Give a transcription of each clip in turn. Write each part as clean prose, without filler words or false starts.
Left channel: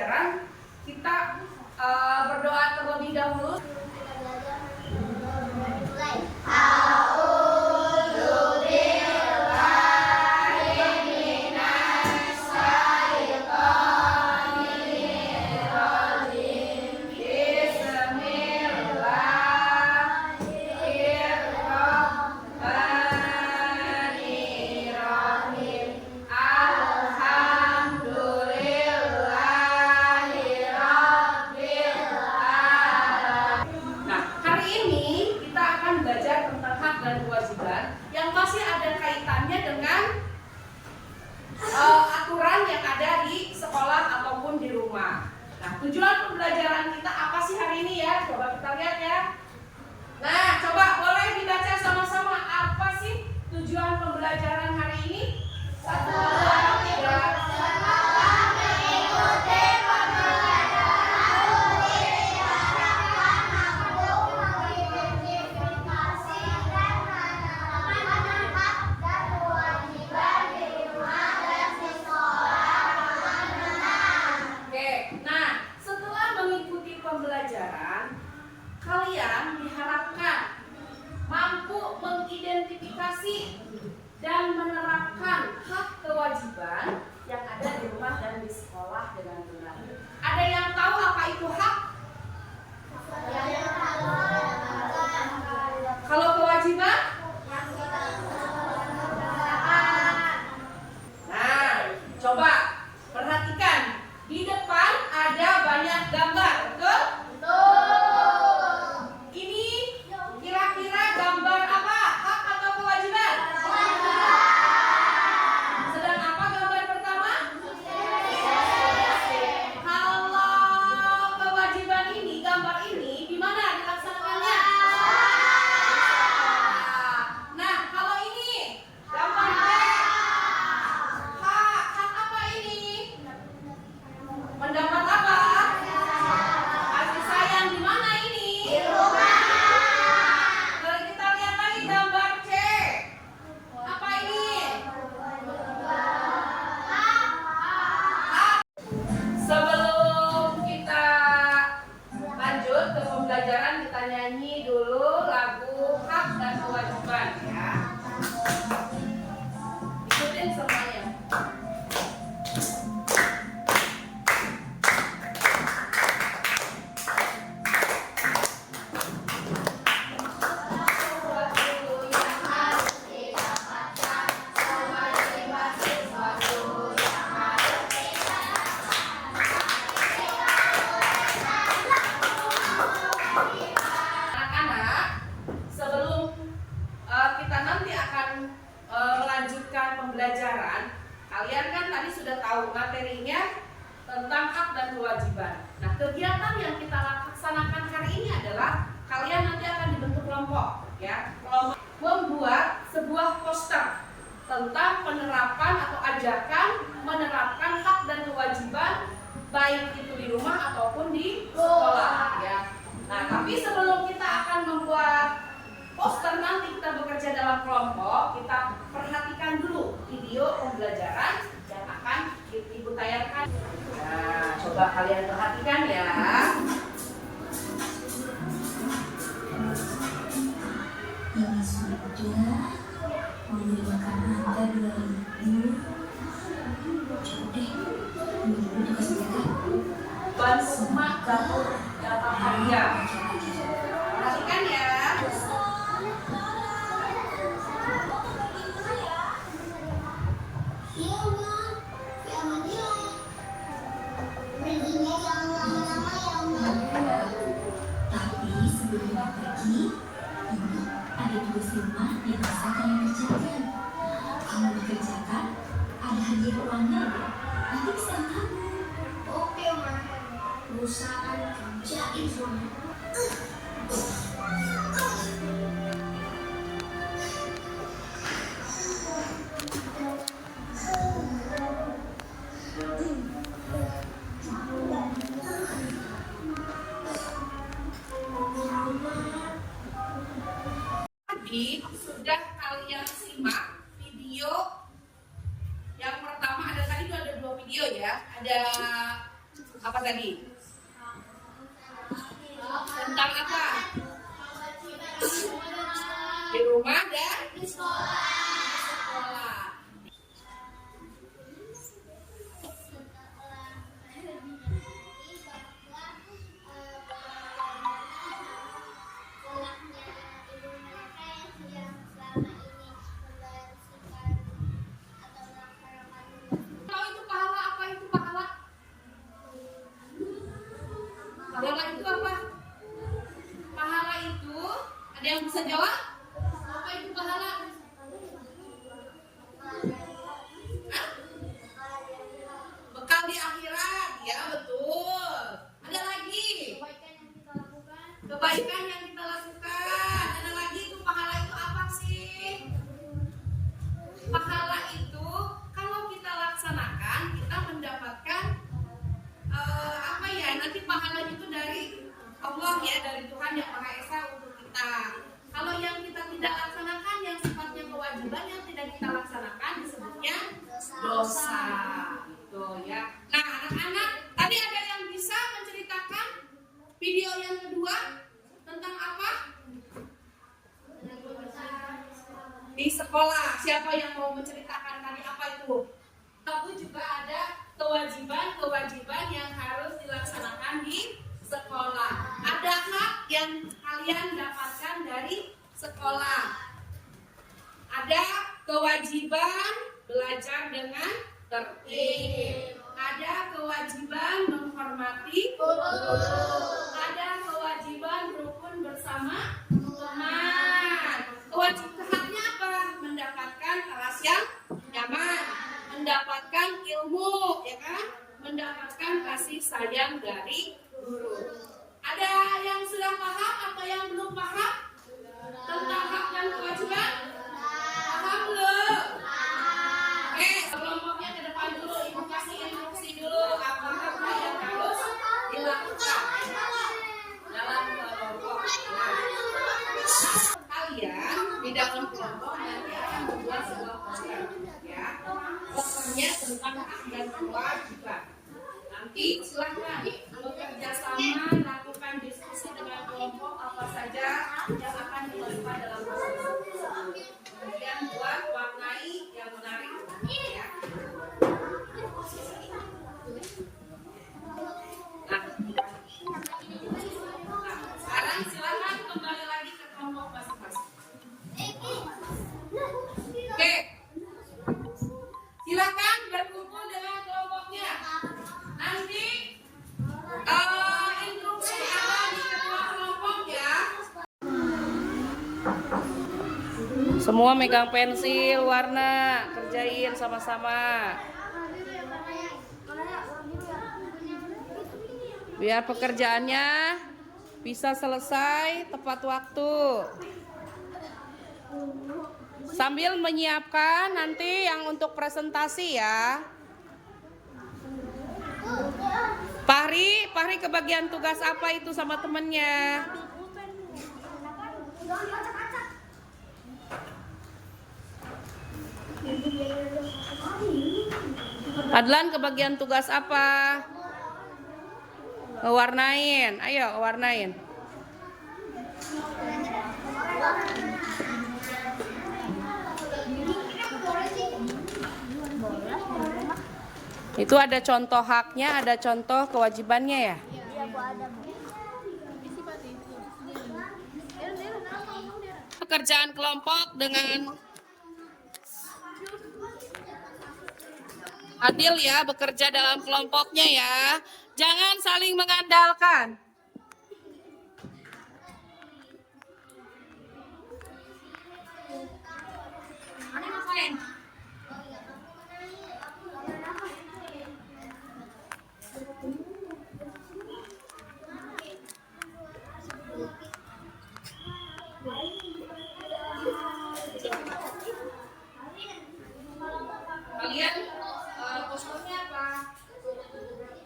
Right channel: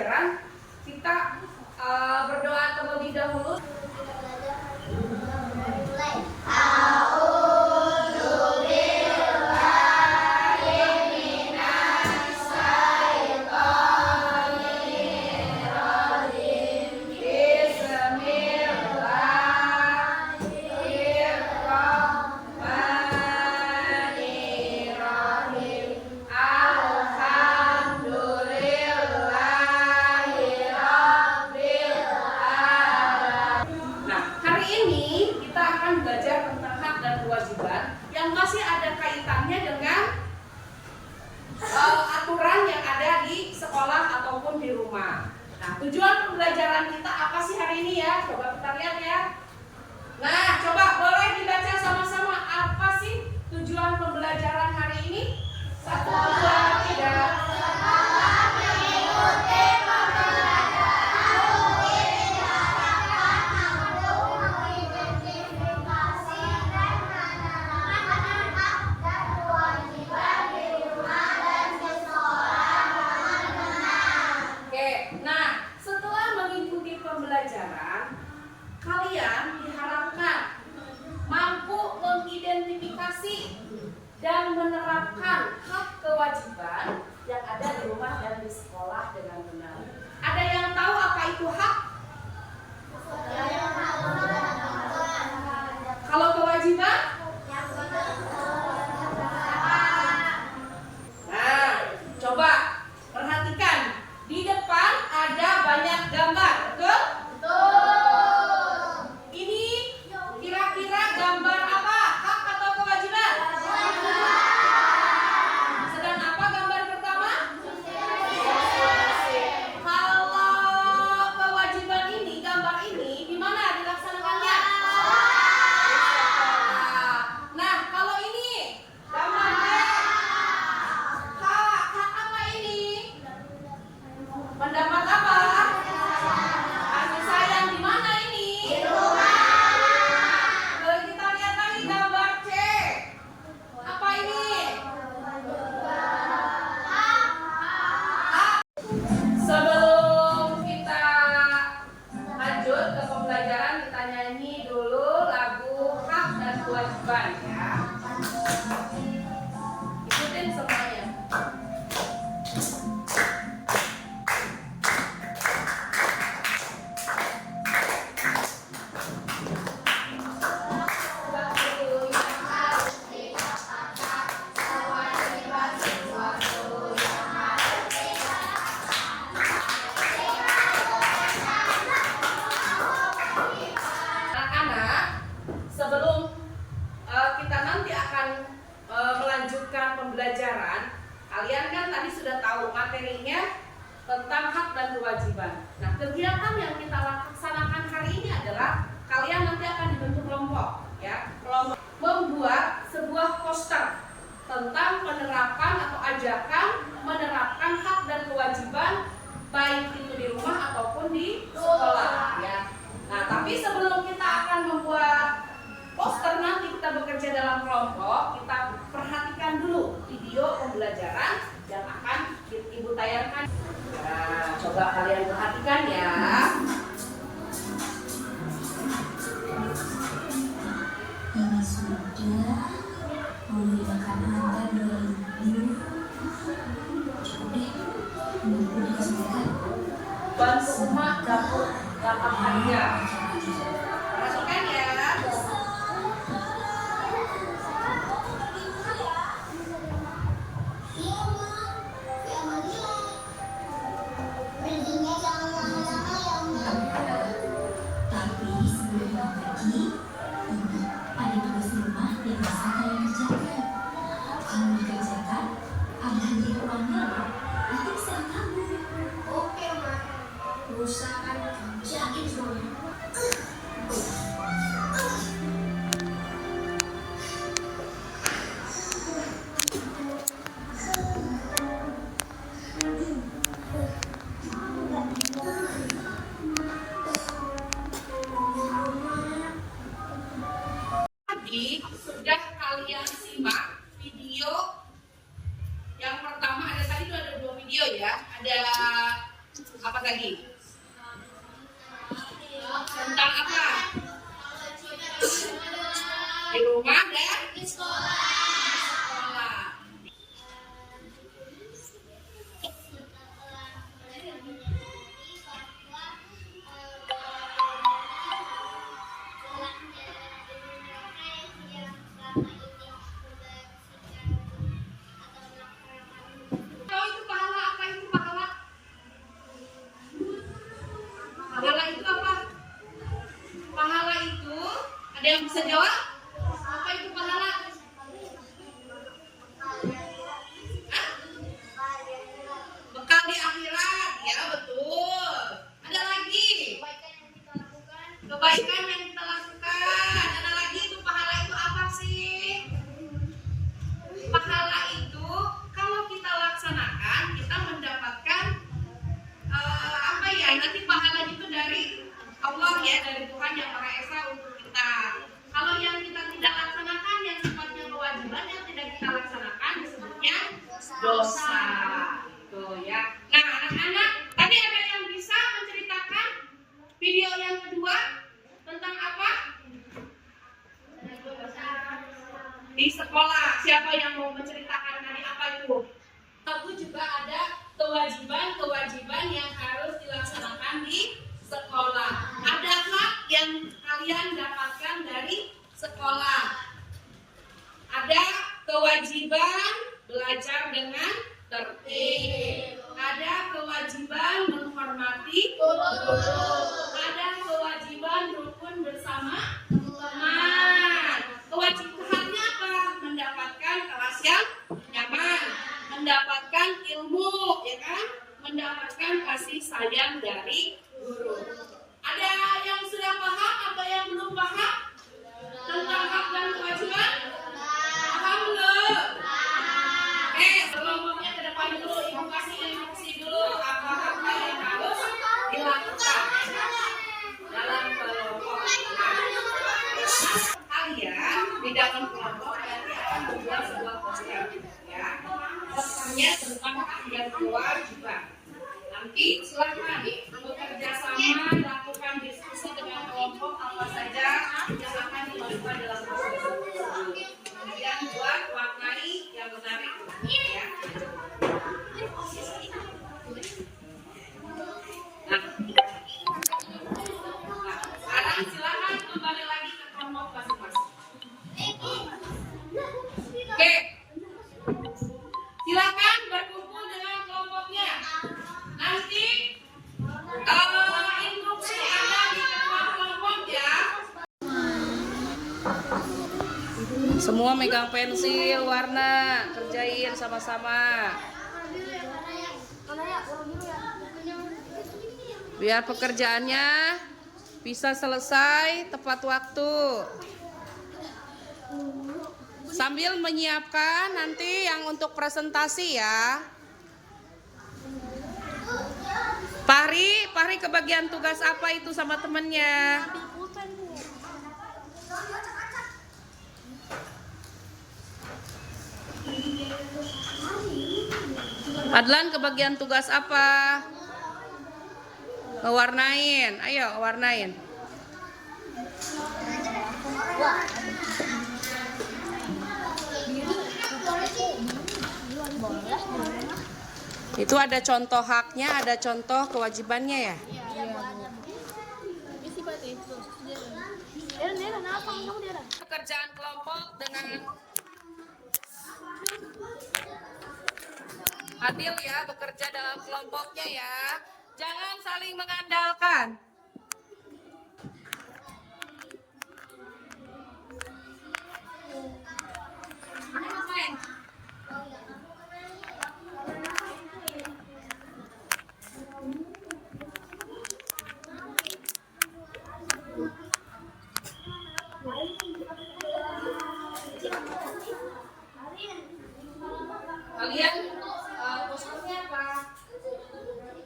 pembelajaran, kita berdoa terlebih dahulu. Belajar tentang hak dan kewajiban yang masih ada kaitannya dengan aturan yang ada di sekolah ataupun di rumah. Nah, tujuan pembelajaran kita apa sih hari ini ya? Coba kita lihat ya. Nah, coba boleh dibaca sama-sama, apa sih tujuan pembelajaran hari ini? 1, 2, 3. Pembelajaran, kalian diharapkan mampu mengidentifikasi dan menerapkan hak kewajiban yang ada di rumah dan di sekolah dengan benar. Ada yang tahu apa itu hak? Kalau kewajiban? Nah, coba perhatikan. Di depan ada banyak gambar, betul? Betul. Ini kira-kira gambar apa? Hak atau kewajiban? Kewajiban. Sedang apa gambar pertama? Kalau kewajiban ini, gambar ini, di mana dilaksanakannya? Nah, kalau ini gambar B. Hak apa ini? Mendapat apa? Kasih sayang di mana ini? Di rumah. Kalau kita lihat lagi gambar C. Apa ini? Sebelum kita lanjut ke pembelajaran, kita nyanyi dulu lagu Hak dan Kewajiban ya. Ikutin semuanya. Pembelajaran, kalian kan tadi sudah tahu materinya tentang hak dan kewajiban. Nah, kegiatan yang kita laksanakan hari ini adalah kalian nanti akan dibentuk kelompok, ya. Kelompok membuat sebuah poster tentang penerapan atau ajakan menerapkan hak dan kewajiban baik itu di rumah ataupun di sekolah, ya. Nah, tapi sebelum kita akan membuat poster, nanti kita bekerja dalam kelompok, kita perhatikan dulu video pembelajaran yang akan Ibu tayangkan. Nah, coba kalian perhatikan ya. Ini sudah membeli makanan Anda 2.000. Coba deh, Ibu dikasih makan. Bansuma dapur dalam hadiah. Perhatikan ya. Tapi sebelum pergi, ini ada tugas rumah yang bisa kalian kerjakan. Kalau dikerjakan, ada hadiah uangnya. Nanti bisa ditabung. Oke, Ma. Usahakan kerjain semuanya. Sudah kalian simak video yang pertama, ada tadi itu ada 2 video ya. Ada Apa tadi? Tentang apa? Di rumah dan di sekolah. Kalau itu pahala, apa itu pahala? Pahala itu apa? Pahala itu, ada yang bisa jawab? Apa itu pahala? Hah? Bekal di akhirat, ya betul. Ada lagi? Kebaikan yang kita lakukan. Ada lagi itu pahala itu apa sih? Pahala itu kalau kita laksanakan, kita mendapatkan apa ya? Nanti pahala itu dari Allah ya, dari Tuhan yang Maha Esa untuk kita. Kalau yang kita tidak laksanakan, yang sifatnya kewajiban yang tidak kita laksanakan disebutnya dosa. Gitu ya. Nah, anak-anak, tadi ada yang bisa menceritakan video yang kedua tentang apa? Di sekolah. Siapa yang mau menceritakan tadi apa itu? Tentu juga ada kewajiban yang harus dilaksanakan di sekolah. Ada hak yang kalian dapatkan dari sekolah. Ada kewajiban belajar dengan tertib. Ada kewajiban menghormati guru. Ada kewajiban rukun bersama teman. Kewajibannya apa? Mendapatkan kelas yang nyaman, mendapatkan ilmu, ya kan? Mendapatkan kasih sayang dari guru. Ada yang sudah paham atau yang belum paham tentang hak dan kewajiban? Paham belum? Oke, kelompoknya ke depan dulu. Ibu kasih instruksi dulu apa-apa yang harus dilakukan dalam kelompok. Kalian di dalam kelompok nanti akan membuat sebuah poster, ya. Posternya tentang hak dan kewajiban. Nanti silakan bekerja sama, lakukan diskusi dengan kelompok apa saja yang akan dimasukkan dalam poster tersebut. Kemudian buat warnai yang menarik, ya. Nah, sekarang silakan kembali lagi ke kelompok masing-masing. Oke, silakan berkumpul dengan kelompoknya. Nanti instruksi ada di ketua kelompok ya. Semua megang pensil warna, kerjain sama-sama. Biar pekerjaannya bisa selesai tepat waktu. Sambil menyiapkan nanti yang untuk presentasi ya. Fahri kebagian tugas apa itu sama temennya? Padlan kebagian tugas apa? Warnain, ayo warnain. Itu ada contoh haknya, ada contoh kewajibannya ya? Pekerjaan kelompok dengan adil ya, bekerja dalam kelompoknya ya. Jangan saling mengandalkan. Kalian khususnya apa?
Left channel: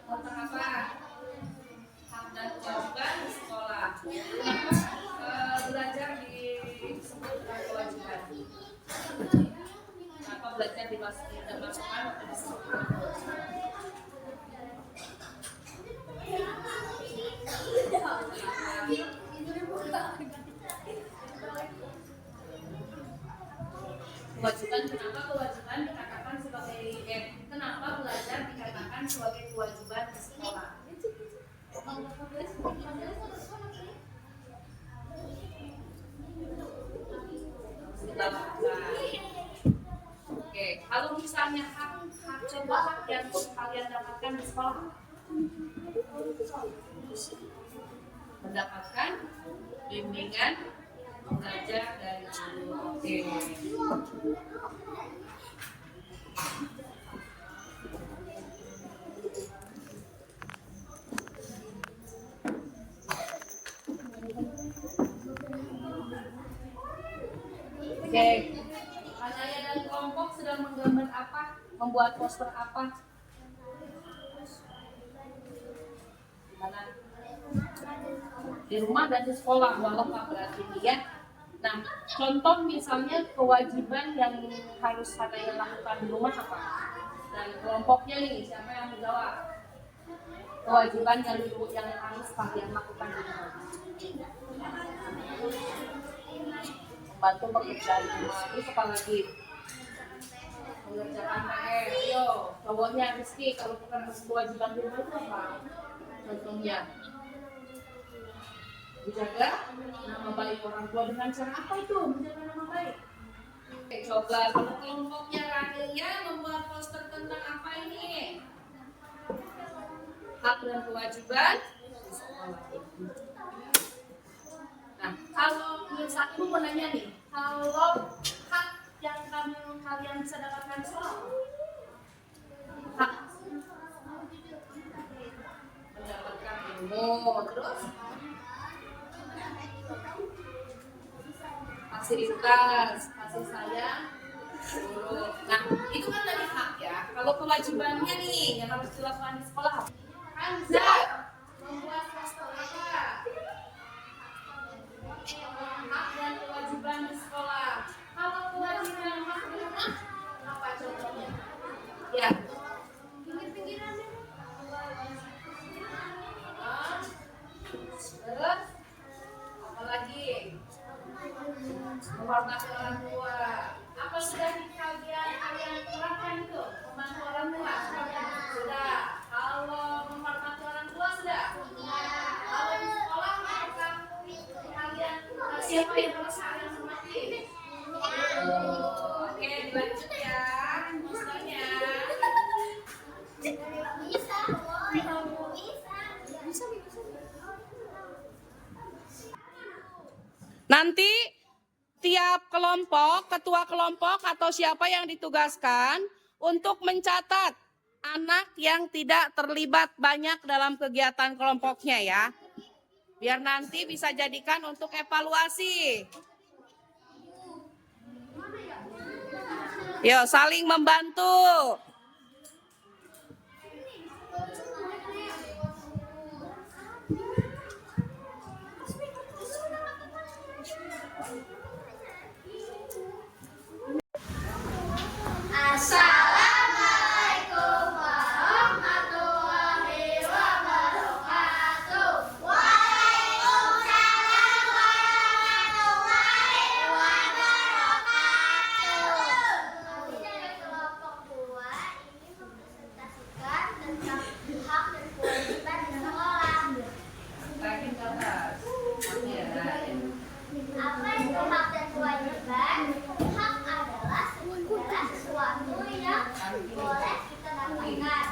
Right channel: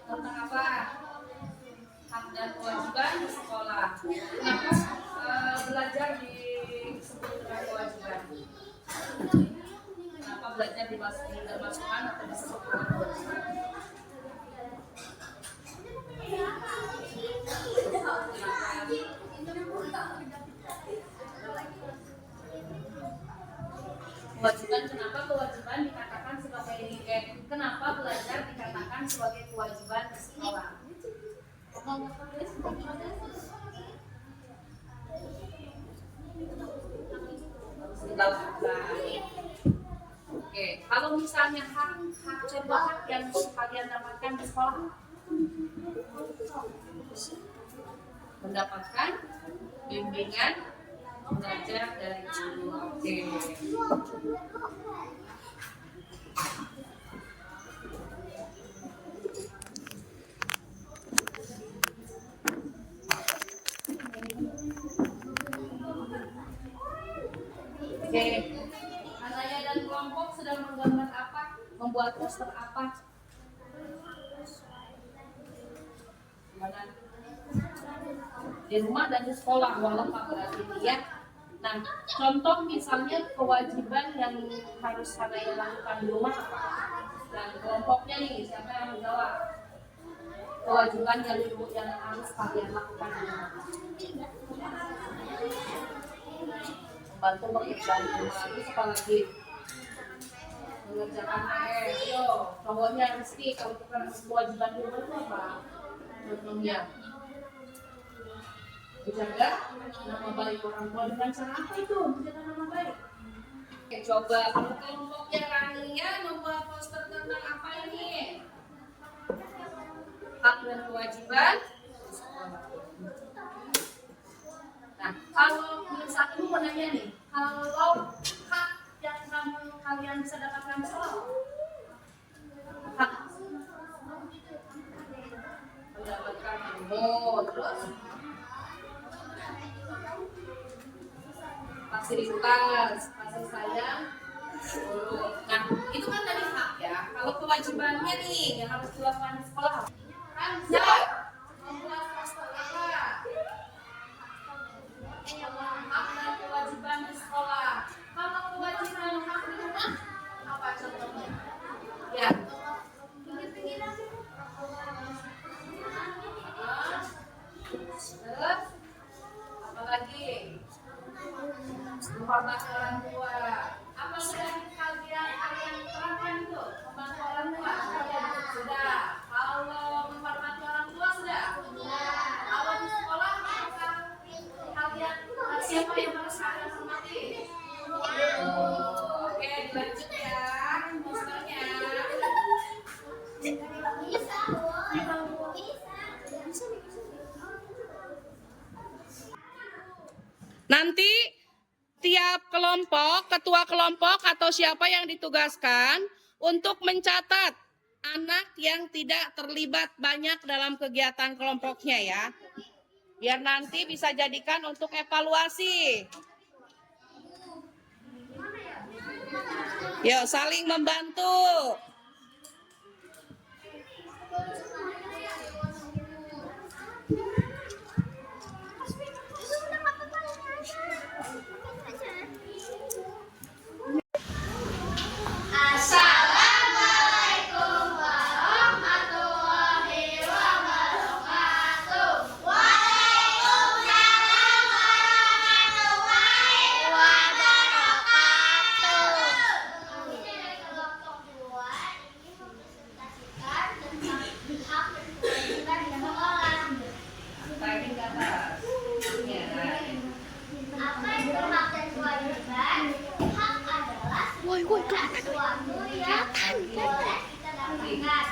Tentang apa? Hak dan Kewajiban, kenapa kewajiban dikatakan sebagai kenapa belajar dikatakan sebagai kewajiban di sekolah? Oke, kalau misalnya hak coba hak yang kalian dapatkan di sekolah, mendapatkan bimbingan belajar dari guru. Oke. Oke, Anaya dan kelompok sedang menggambar apa? Membuat poster apa? Mana? Di rumah dan di sekolah, walaupun berarti ya. Nah, contoh misalnya kewajiban yang harus Anaya lakukan di rumah apa? Dan kelompoknya nih, siapa yang menjawab? Kewajiban yang harus kalian lakukan di rumah. Membantu pekerjaan rumah, terus apa lagi? Mengerjakan PR. Yo, cowoknya Rizky, kalau bukan kewajiban di rumah itu apa? Contohnya menjaga nama baik orang tua dengan cara apa itu? Menjaga nama baik. Oke, coba kalau kelompoknya Raninya membuat poster tentang apa ini? Hak dan kewajiban. Nah, kalau misalnya aku mau nanya nih, kalau hak yang kalian bisa dapatkan di sekolah, hak mendapatkan ilmu, terus fasilitas, kasih sayang, guru. Nah, itu kan tadi hak ya. Kalau kewajibannya nih yang harus dilakukan di sekolah, kan membuat poster apa? Hak dan kewajiban di sekolah. Kalau kewajiban hak di rumah, apa contohnya? Ya. Terus apa lagi? Menghormati orang tua. Apa sudah kalian terapkan itu? Menghormati orang tua sudah. Kalau menghormati orang tua sudah. Kalau di sekolah apakah kalian siapa yang harus kalian hormati? Oke, dilanjut ya. Misalnya. Nanti tiap kelompok, ketua kelompok atau siapa yang ditugaskan untuk mencatat anak yang tidak terlibat banyak dalam kegiatan kelompoknya ya. Biar nanti bisa jadikan untuk evaluasi. Yuk, saling membantu. Assalamualaikum warahmatullahi wabarakatuh. Waalaikumsalam warahmatullahi wabarakatuh. Kami dari kelompok 2 ingin mempresentasikan tentang hak dan kewajiban di sekolah. Typing ke atas. Apa itu hak dan kewajiban? Hak adalah segala sesuatu yang boleh kita dapatkan.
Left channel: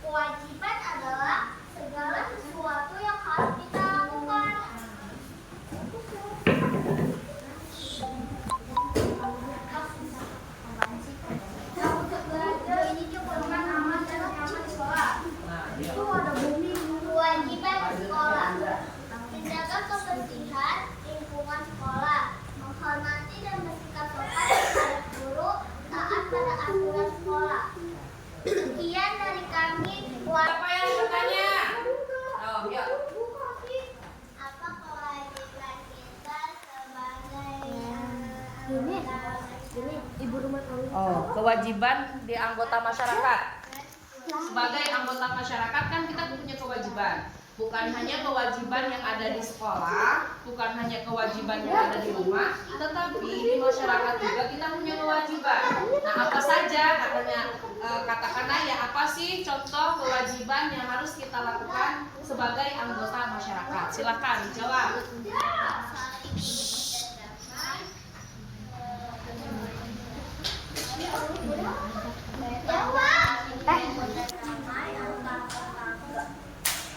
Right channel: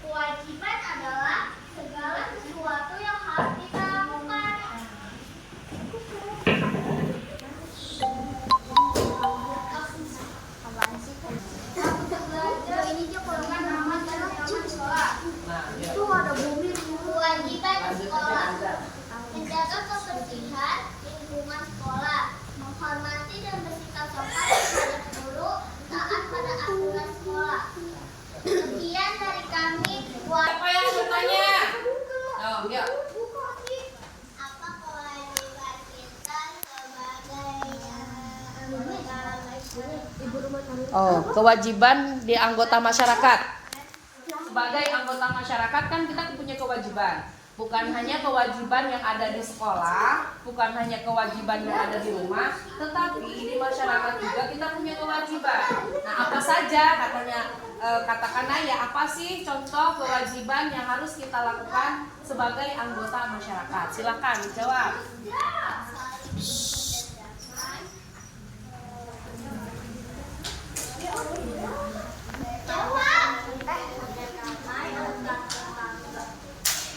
Kewajiban adalah segala sesuatu yang harus kita lakukan. Kamu belajar ini golongan nama di sekolah. Itu ada bumi. Kewajiban sekolah. Menjaga kebersihan lingkungan sekolah, menghormati dan bersikap sopan terhadap guru, taat pada aturan sekolah. Sekian dari kami. Siapa yang bertanya? Oh, yuk. Apa kewajiban kita sebagai anggota masyarakat? Oh, kewajiban di anggota masyarakat. Sebagai anggota masyarakat kan kita punya kewajiban. Bukan hanya kewajiban yang ada di sekolah, bukan hanya kewajiban yang ada di rumah, tetapi di masyarakat juga kita punya kewajiban. Nah, apa saja katanya, katakanlah ya, apa sih contoh kewajiban yang harus kita lakukan sebagai anggota masyarakat? Silakan dijawab.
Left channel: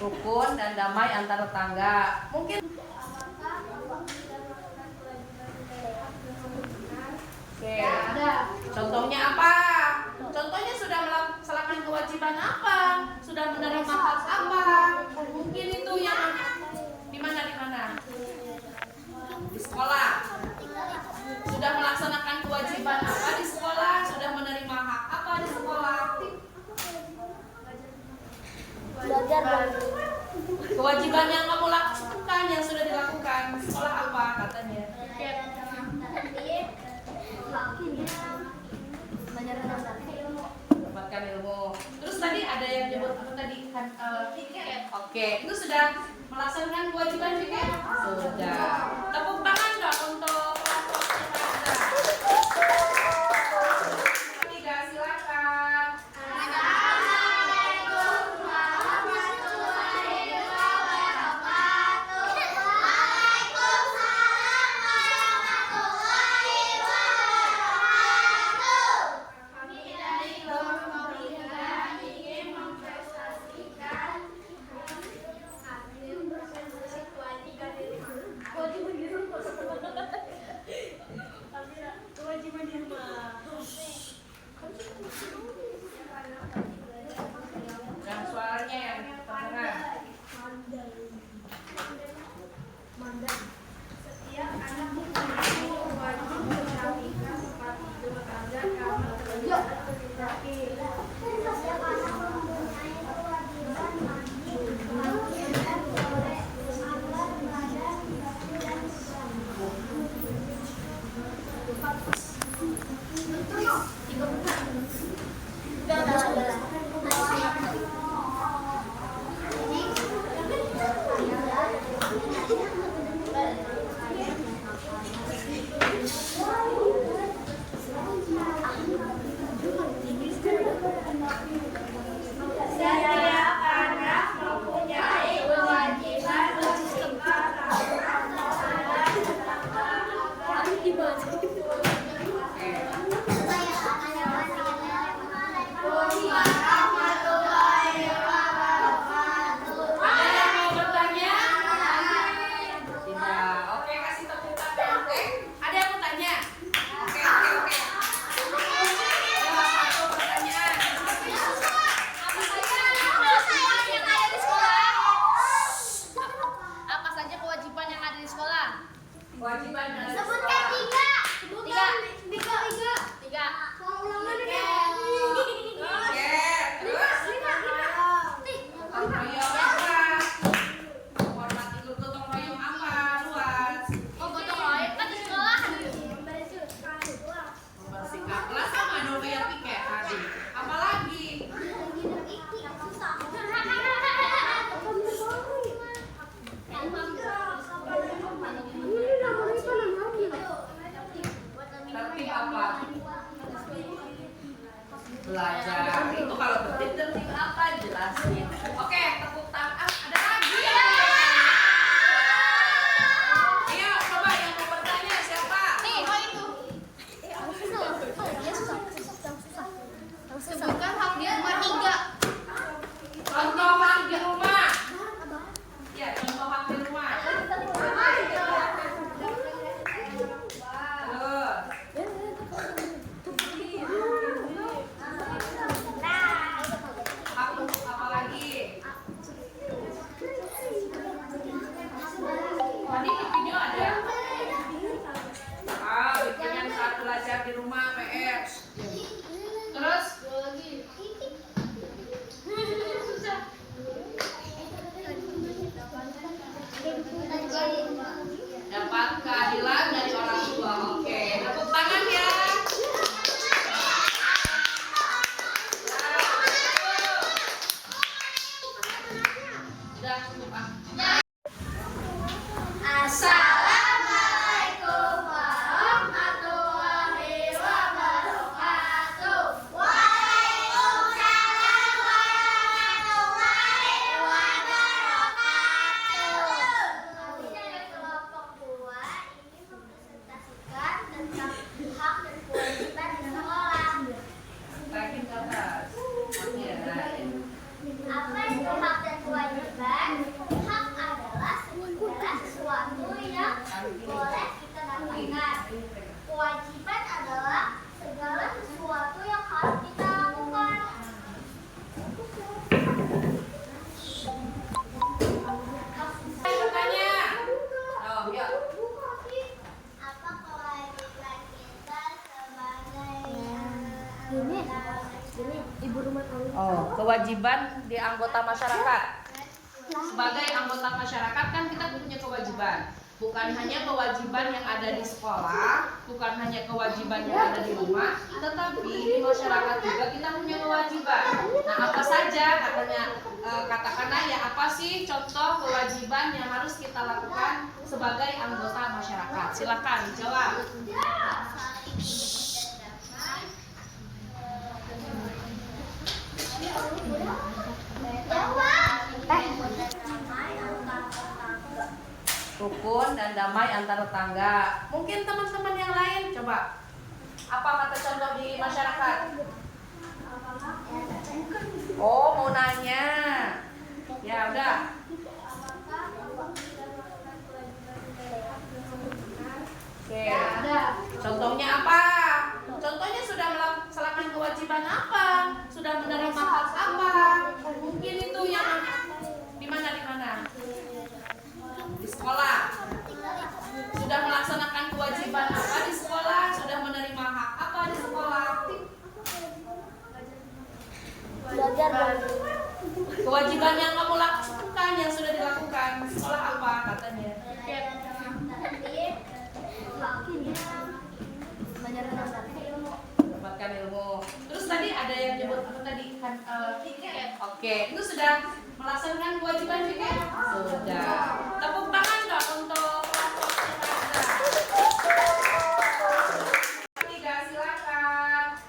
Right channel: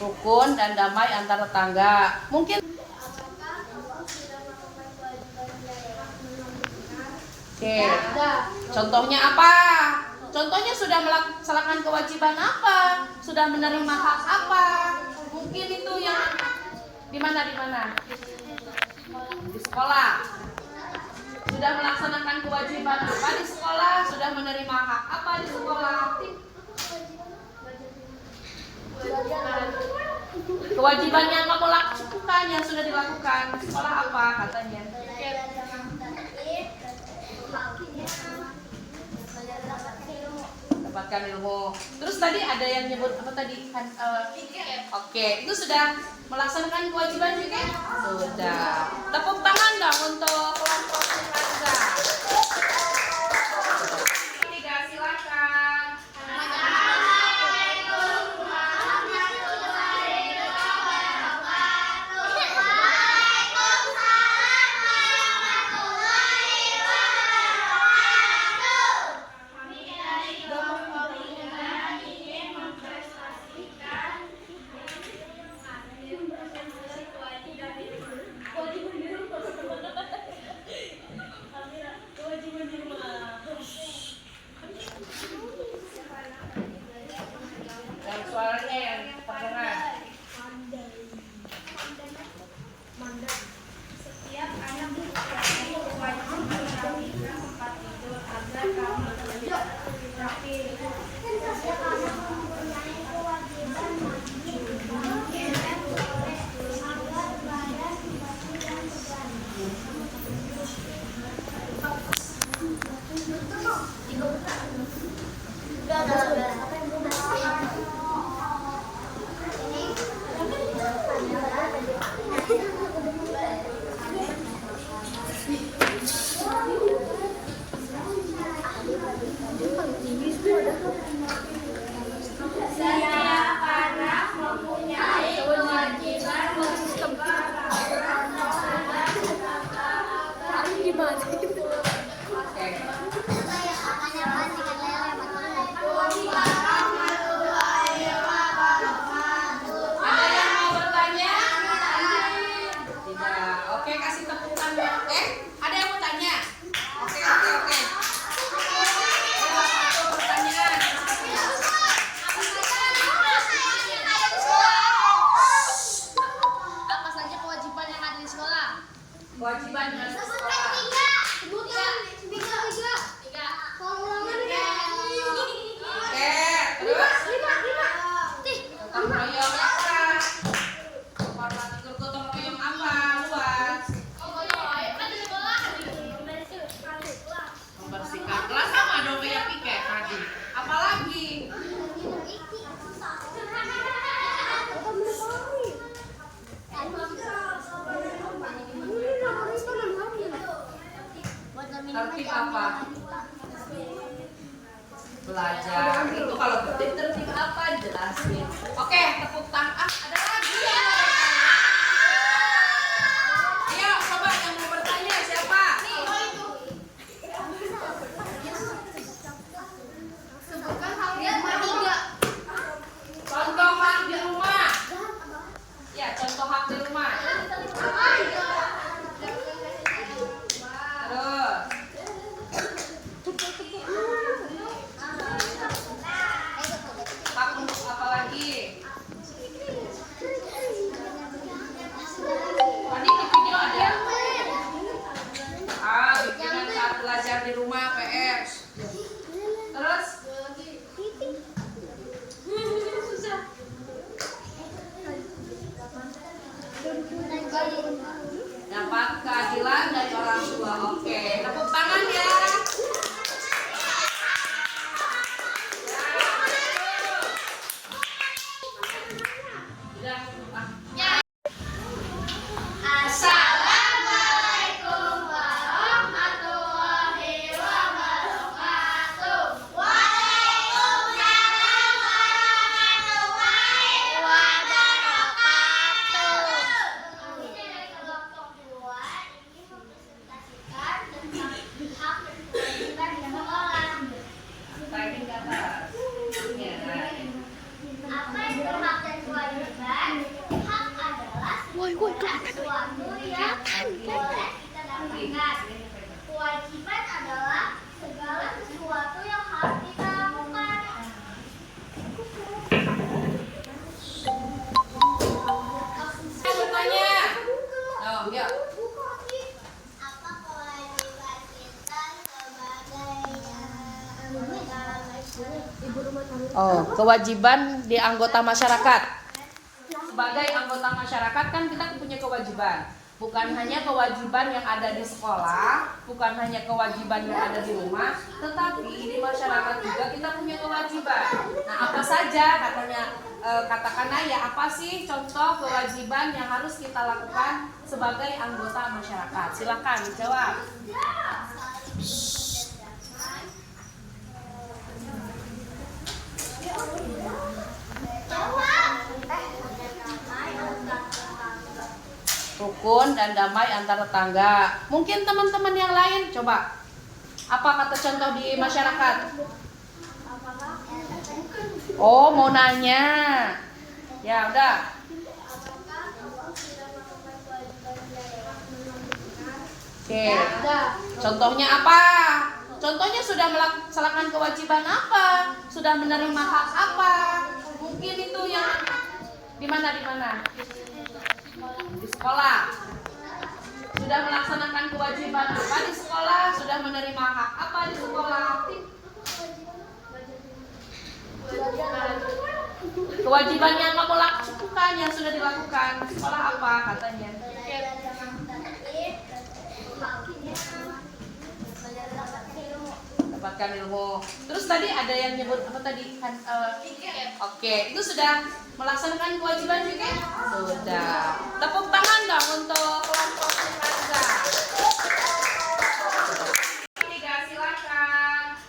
Rukun dan damai antar tetangga. Mungkin oke. Contohnya apa? Contohnya sudah melaksanakan kewajiban apa? Sudah menerima hak apa? Mungkin itu yang di mana? Di sekolah. Sudah melaksanakan kewajiban apa di sekolah? Sudah menerima hak apa di sekolah? Kewajiban yang kamu lakukan, yang sudah dilakukan di sekolah apa katanya? Dapatkan ilmu. Terus tadi ada yang nyebut apa tadi? Oke, itu sudah melaksanakan kewajiban juga? Sudah. Tepuk tangan dong untuk kelompok tetangga. Tiga, silakan. Yang suaranya yang kedengaran. Setiap anak mempunyai kewajiban merapikan tempat tidur agar kamar tidak rapi. Setiap anak mempunyai kewajiban mandi, dan toilet agar badan bersih dan segar. Setiap anak mempunyai kewajiban menjaga Ada yang mau bertanya? Tidak. Oke, kasih tepuk tangan. Ada yang mau tanya? Oke. Satu pertanyaan. Apa saja kewajiban yang ada di sekolah? Kewajiban yang ada di Sebutkan sekolah. tiga. Oke, terus gotong royong apa? Hormati gotong royong apa? Luas. Membersihkan kelas sama dong kayak piket tadi. Apalagi? Tertib apa? Belajar. Itu kalau tertib apa jelasin. Oke, tepuk tangan. Ada lagi ya? Ayo, coba yang mau bertanya siapa? Apa itu? Sebutkan hak di rumah 3. Contoh hak di rumah. Ya, contoh hak di rumah. Terus hak apa lagi? Tadi di video ada. Bikinan saat belajar di rumah PS. Terus dapat keadilan dari orang tua. Oke, tepuk tangan ya. Sudah Oh, kewajiban di anggota masyarakat. Sebagai anggota masyarakat kan kita punya kewajiban. Bukan hanya kewajiban yang ada di sekolah, bukan hanya kewajiban yang ada di rumah, tetapi di masyarakat juga kita punya kewajiban. Nah, apa saja katanya, katakanlah ya, apa sih contoh kewajiban yang harus kita lakukan sebagai anggota masyarakat? Silakan dijawab. Rukun dan damai antar tetangga. Mungkin teman-teman yang lain coba. Apa kata contoh di masyarakat? Oh, mau nanya. Ya udah. Oke. Contohnya apa? Contohnya sudah melaksanakan kewajiban apa? Sudah menerima hak apa? Mungkin itu yang di mana? Di sekolah. Sudah melaksanakan kewajiban apa di sekolah? Sudah menerima hak apa di sekolah? Kewajiban yang kamu lakukan, yang sudah dilakukan di sekolah apa katanya? Dapatkan ilmu. Terus tadi ada yang nyebut apa tadi? Oke, itu sudah melaksanakan kewajiban juga? Sudah. Tepuk tangan dong untuk kelompok tetangga. Tiga, silakan.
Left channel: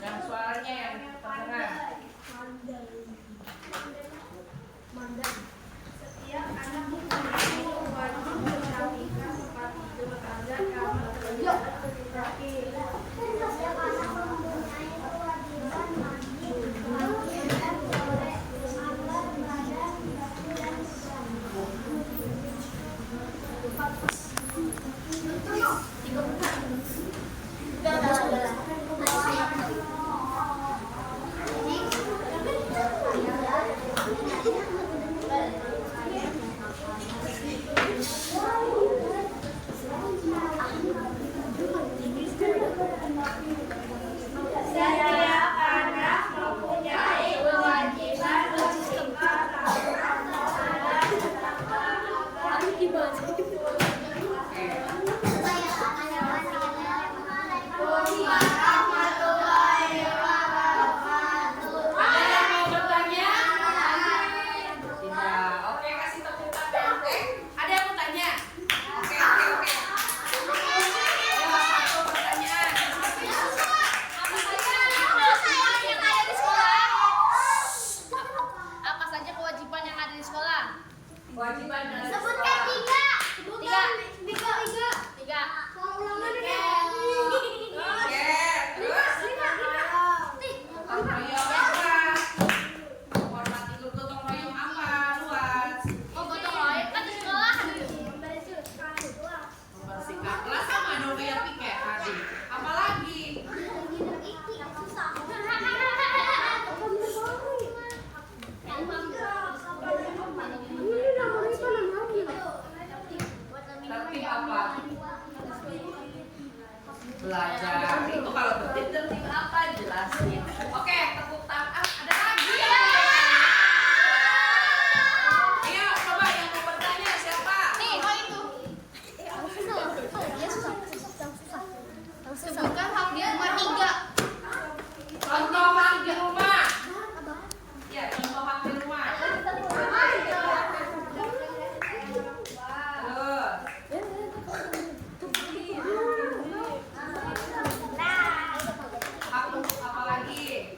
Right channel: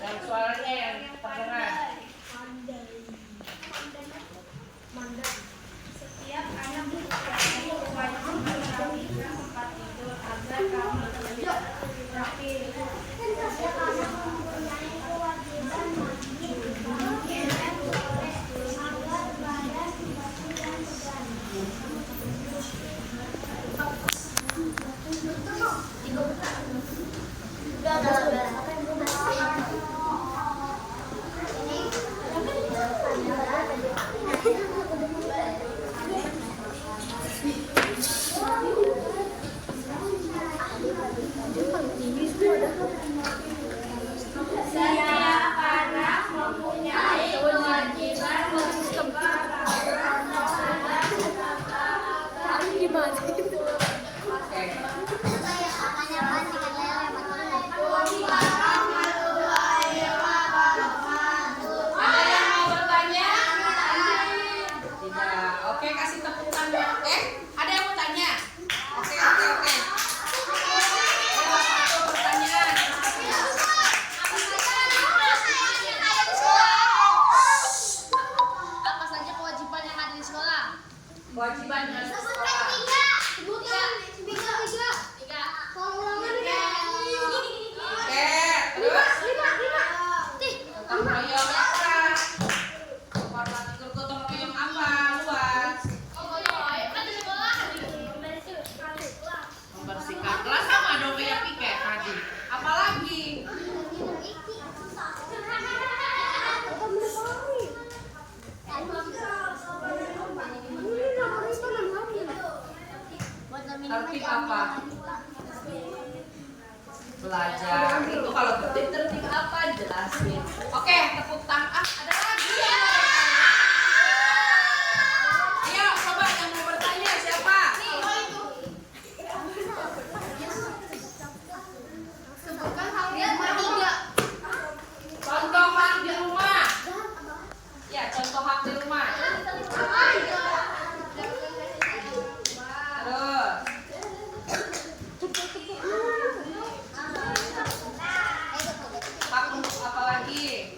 Yang suaranya yang kedengeran. Setiap anak mempunyai kewajiban merapikan tempat tidur agar kamar terlihat rapi. Setiap anak mempunyai kewajiban mandi, dan toilet agar badan bersih dan segar. Setiap anak mempunyai kewajiban menjaga Ada yang mau bertanya? Tidak. Oke, kasih tepuk tangan. Ada yang mau tanya? Oke. Satu pertanyaan. Apa saja kewajiban yang ada di sekolah? Kewajiban yang ada di Sebutkan sekolah. tiga. Oke, terus gotong royong apa? Hormati guru gotong royong apa? Luas. Membersihkan kelas sama dong kayak piket tadi. Apalagi? Tertib apa? Belajar. Itu kalau tertib apa? Jelasin. Oke, tepuk tangan. Ada lagi ya? Ayo, coba yang mau bertanya siapa? Sebutkan hak di rumah 3. Contoh hak di rumah. Ya, contoh hak di rumah. Terus hak untuk apa lagi?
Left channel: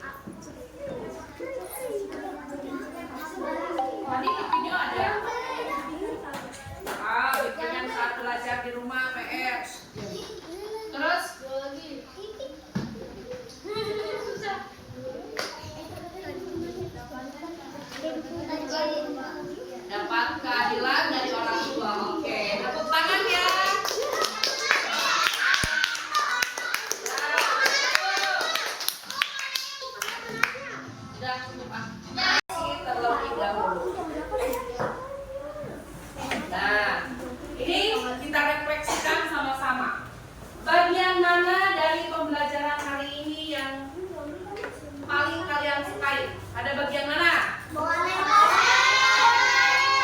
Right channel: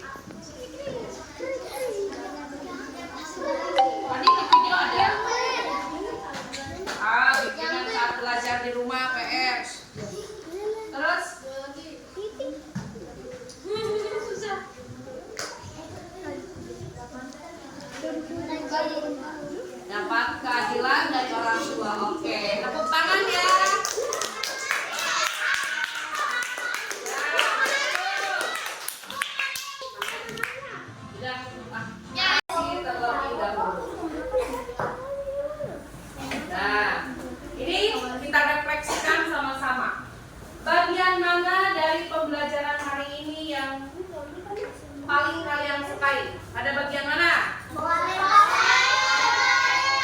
bagian mana dari pembelajaran hari ini yang paling kalian sukai? Ada bagian mana?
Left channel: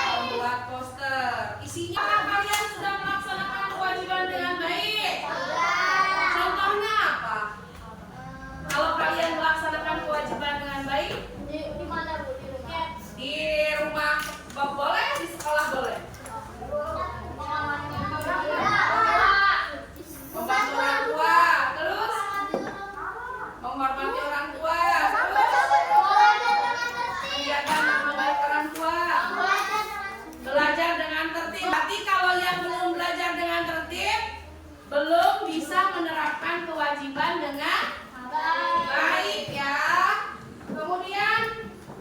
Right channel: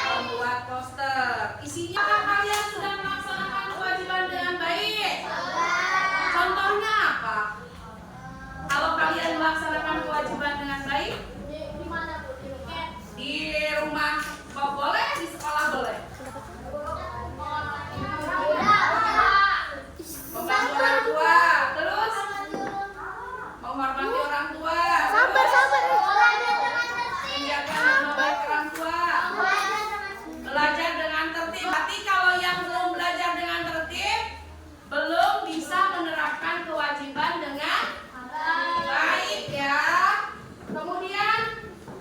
Membuat poster. Isinya apakah kalian sudah melaksanakan kewajiban dengan baik? Contohnya apa? Kalau kalian melaksanakan kewajiban dengan baik, di rumah boleh, di sekolah boleh. Membantu orang tua, terus menghormati orang tua, terus menjaga nama baik orang tua, belajar dengan tertib. Berarti kalau yang belum belajar dengan tertib, belum bisa menerapkan kewajiban dengan baik ya. Kemudian,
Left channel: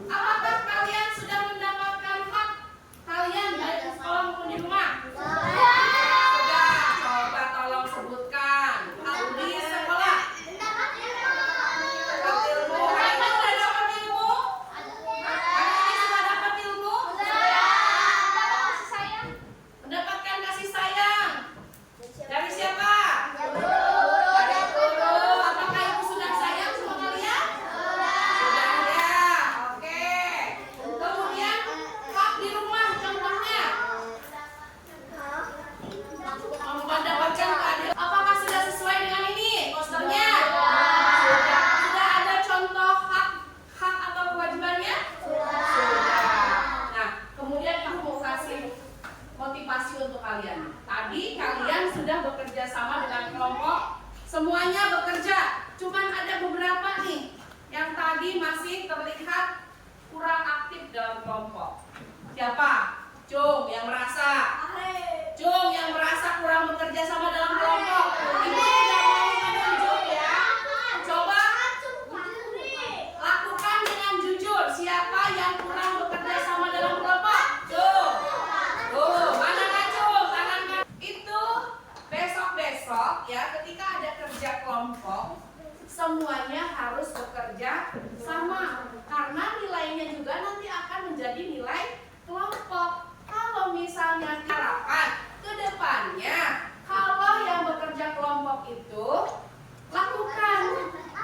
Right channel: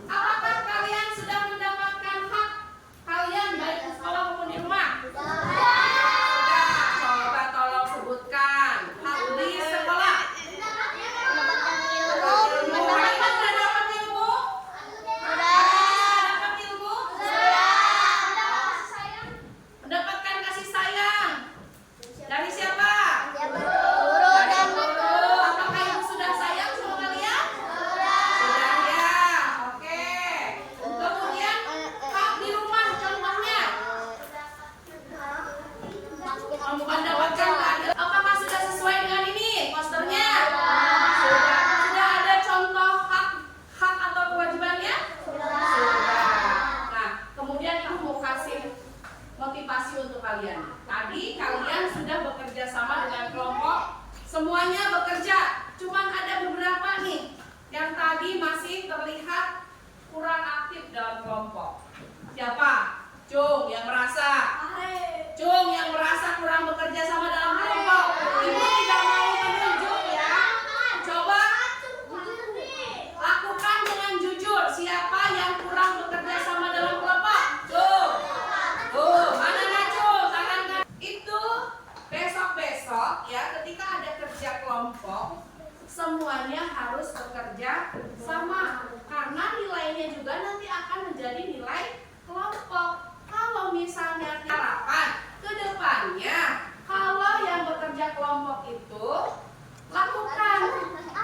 apakah kalian sudah mendapatkan hak kalian baik di sekolah maupun di rumah? Sudah. Coba tolong sebutkan hak di sekolah. Dapat ilmu. Hari ini sudah dapat ilmu? Hari ini sudah dapat ilmu? Mendapatkan kasih sayang. Dari siapa? Dari guru. Apakah ibu sudah sayang sama kalian? Sudah ya. Oke. Kemudian hak di rumah contohnya. Mendapatkan keadilan. Apakah sudah sesuai dengan ini posternya? Sudah ada contoh hak atau kewajibannya? Sudah. Nah, kemudian ibu mau kasih motivasi untuk kalian. Tadi kalian sudah bekerja sama dengan kelompok, semuanya bekerja. Cuman ada beberapa nih yang tadi masih terlihat kurang aktif dalam kelompok. Siapa? Cung yang merasa. Cung yang merasa kurang bekerja sama dalam kelompok. Ibu tidak mau menunjuk ya. Coba lakukan dengan jujur. Siapa yang kurang bekerja sama dalam kelompok? Cung. Tuh, mana Cung? Tangan kan. Itu besok-besok ya, ketika ada kerja kelompok, semuanya harus bekerja sama. Karena nilainya juga nanti akan menjadi nilai kelompok. Kalau misalnya harapan ke depannya, kalau yang bekerja kelompok itu lakukan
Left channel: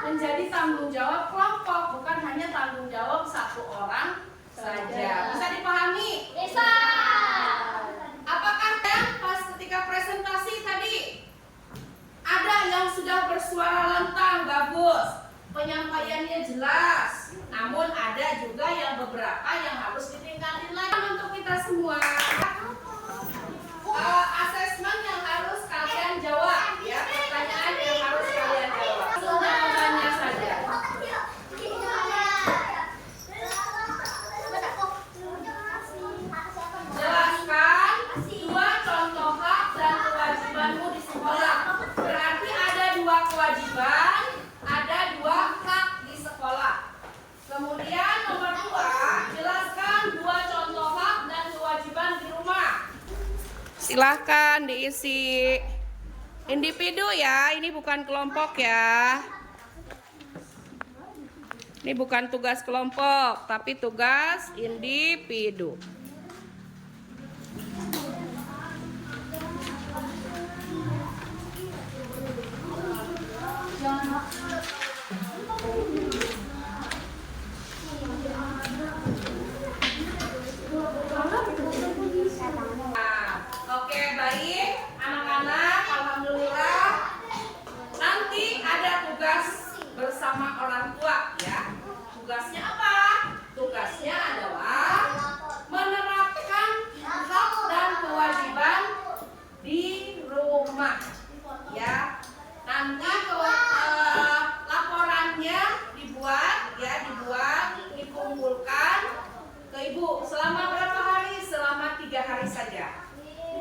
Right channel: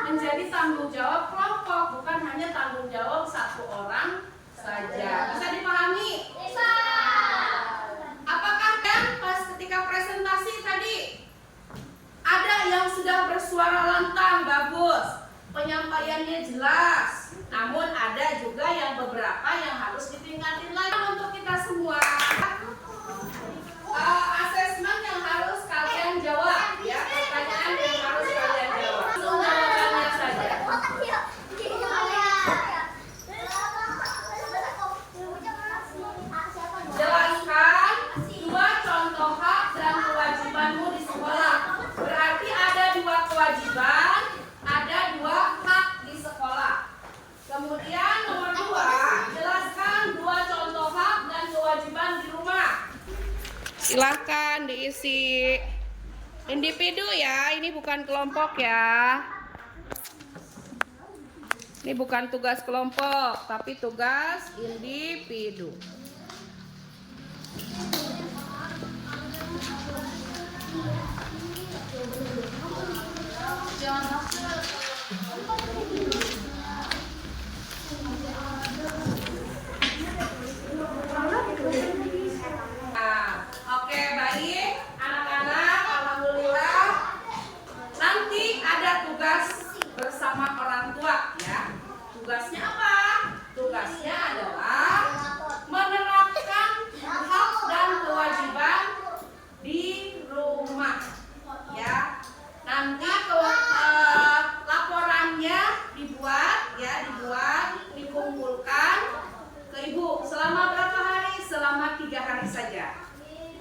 menjadi tanggung jawab kelompok, bukan hanya tanggung jawab satu orang saja. Bisa dipahami? Bisa. Apakah kan pas ketika presentasi tadi ada yang sudah bersuara lantang bagus, penyampaiannya jelas, namun ada juga yang beberapa yang harus ditingkatin lagi. Untuk kita semua, asesmen yang harus kalian jawab ya, pertanyaan yang harus kalian jawab. Langsung jawabannya saja. Jelaskan dua contoh hak dan kewajibanmu di sekolah. Berarti ada dua kewajiban, ada dua hak di sekolah. Kemudian nomor 2, jelaskan dua contoh hak dan kewajiban di rumah. Silahkan diisi individu ya, ini bukan kelompok ya. Ini bukan tugas kelompok, tapi tugas individu. Oke, baik anak-anak, alhamdulillah. Nanti ada tugas bersama orang tua ya. Tugasnya apa? Tugasnya adalah menerapkan hak dan kewajiban di rumah ya. Nanti laporannya dibuat, dikumpulkan ke ibu. Selama berapa hari? Selama 3 hari saja.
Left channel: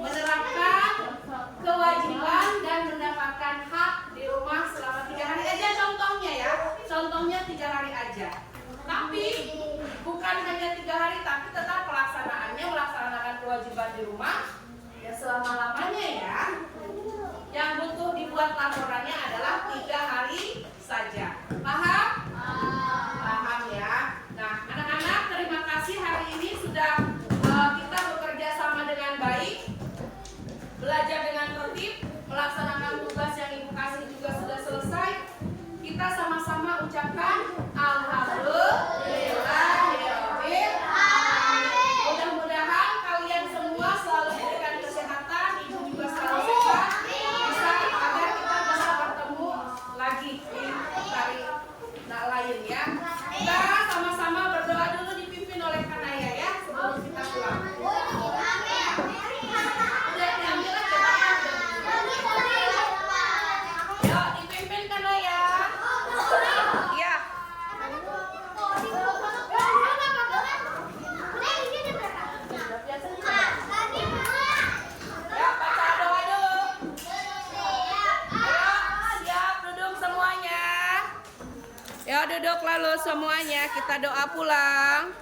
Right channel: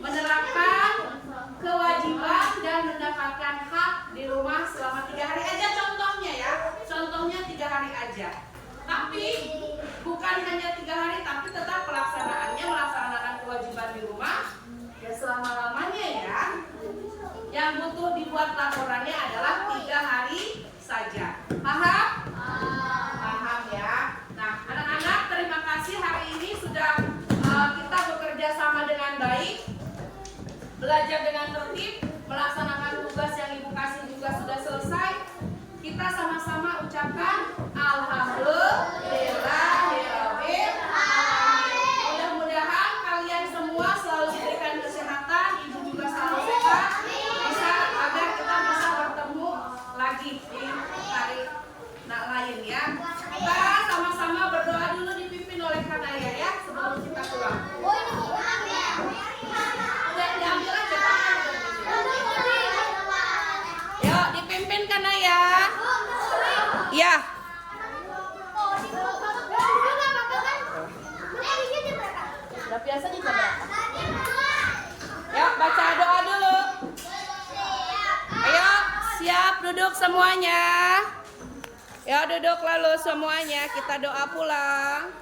Menerapkan kewajiban dan mendapatkan hak di rumah selama 3 hari aja contohnya ya. Contohnya 3 hari aja. Tapi bukan hanya 3 hari, tapi tetap pelaksanaannya melaksanakan kewajiban di rumah ya selama-lamanya ya. Yang butuh dibuat laporannya adalah 3 hari saja. Paham? Paham ya. Nah, anak-anak terima kasih hari ini sudah kita bekerja sama dengan baik, belajar dengan tertib, melaksanakan tugas yang ibu kasih juga duduk semuanya. Ya duduk lalu semuanya, kita doa pulang.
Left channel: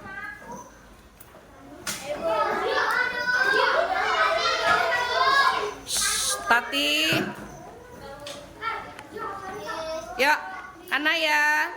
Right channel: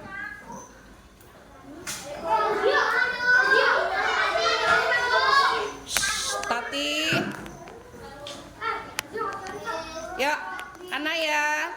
Tati. Yuk, Hana ya.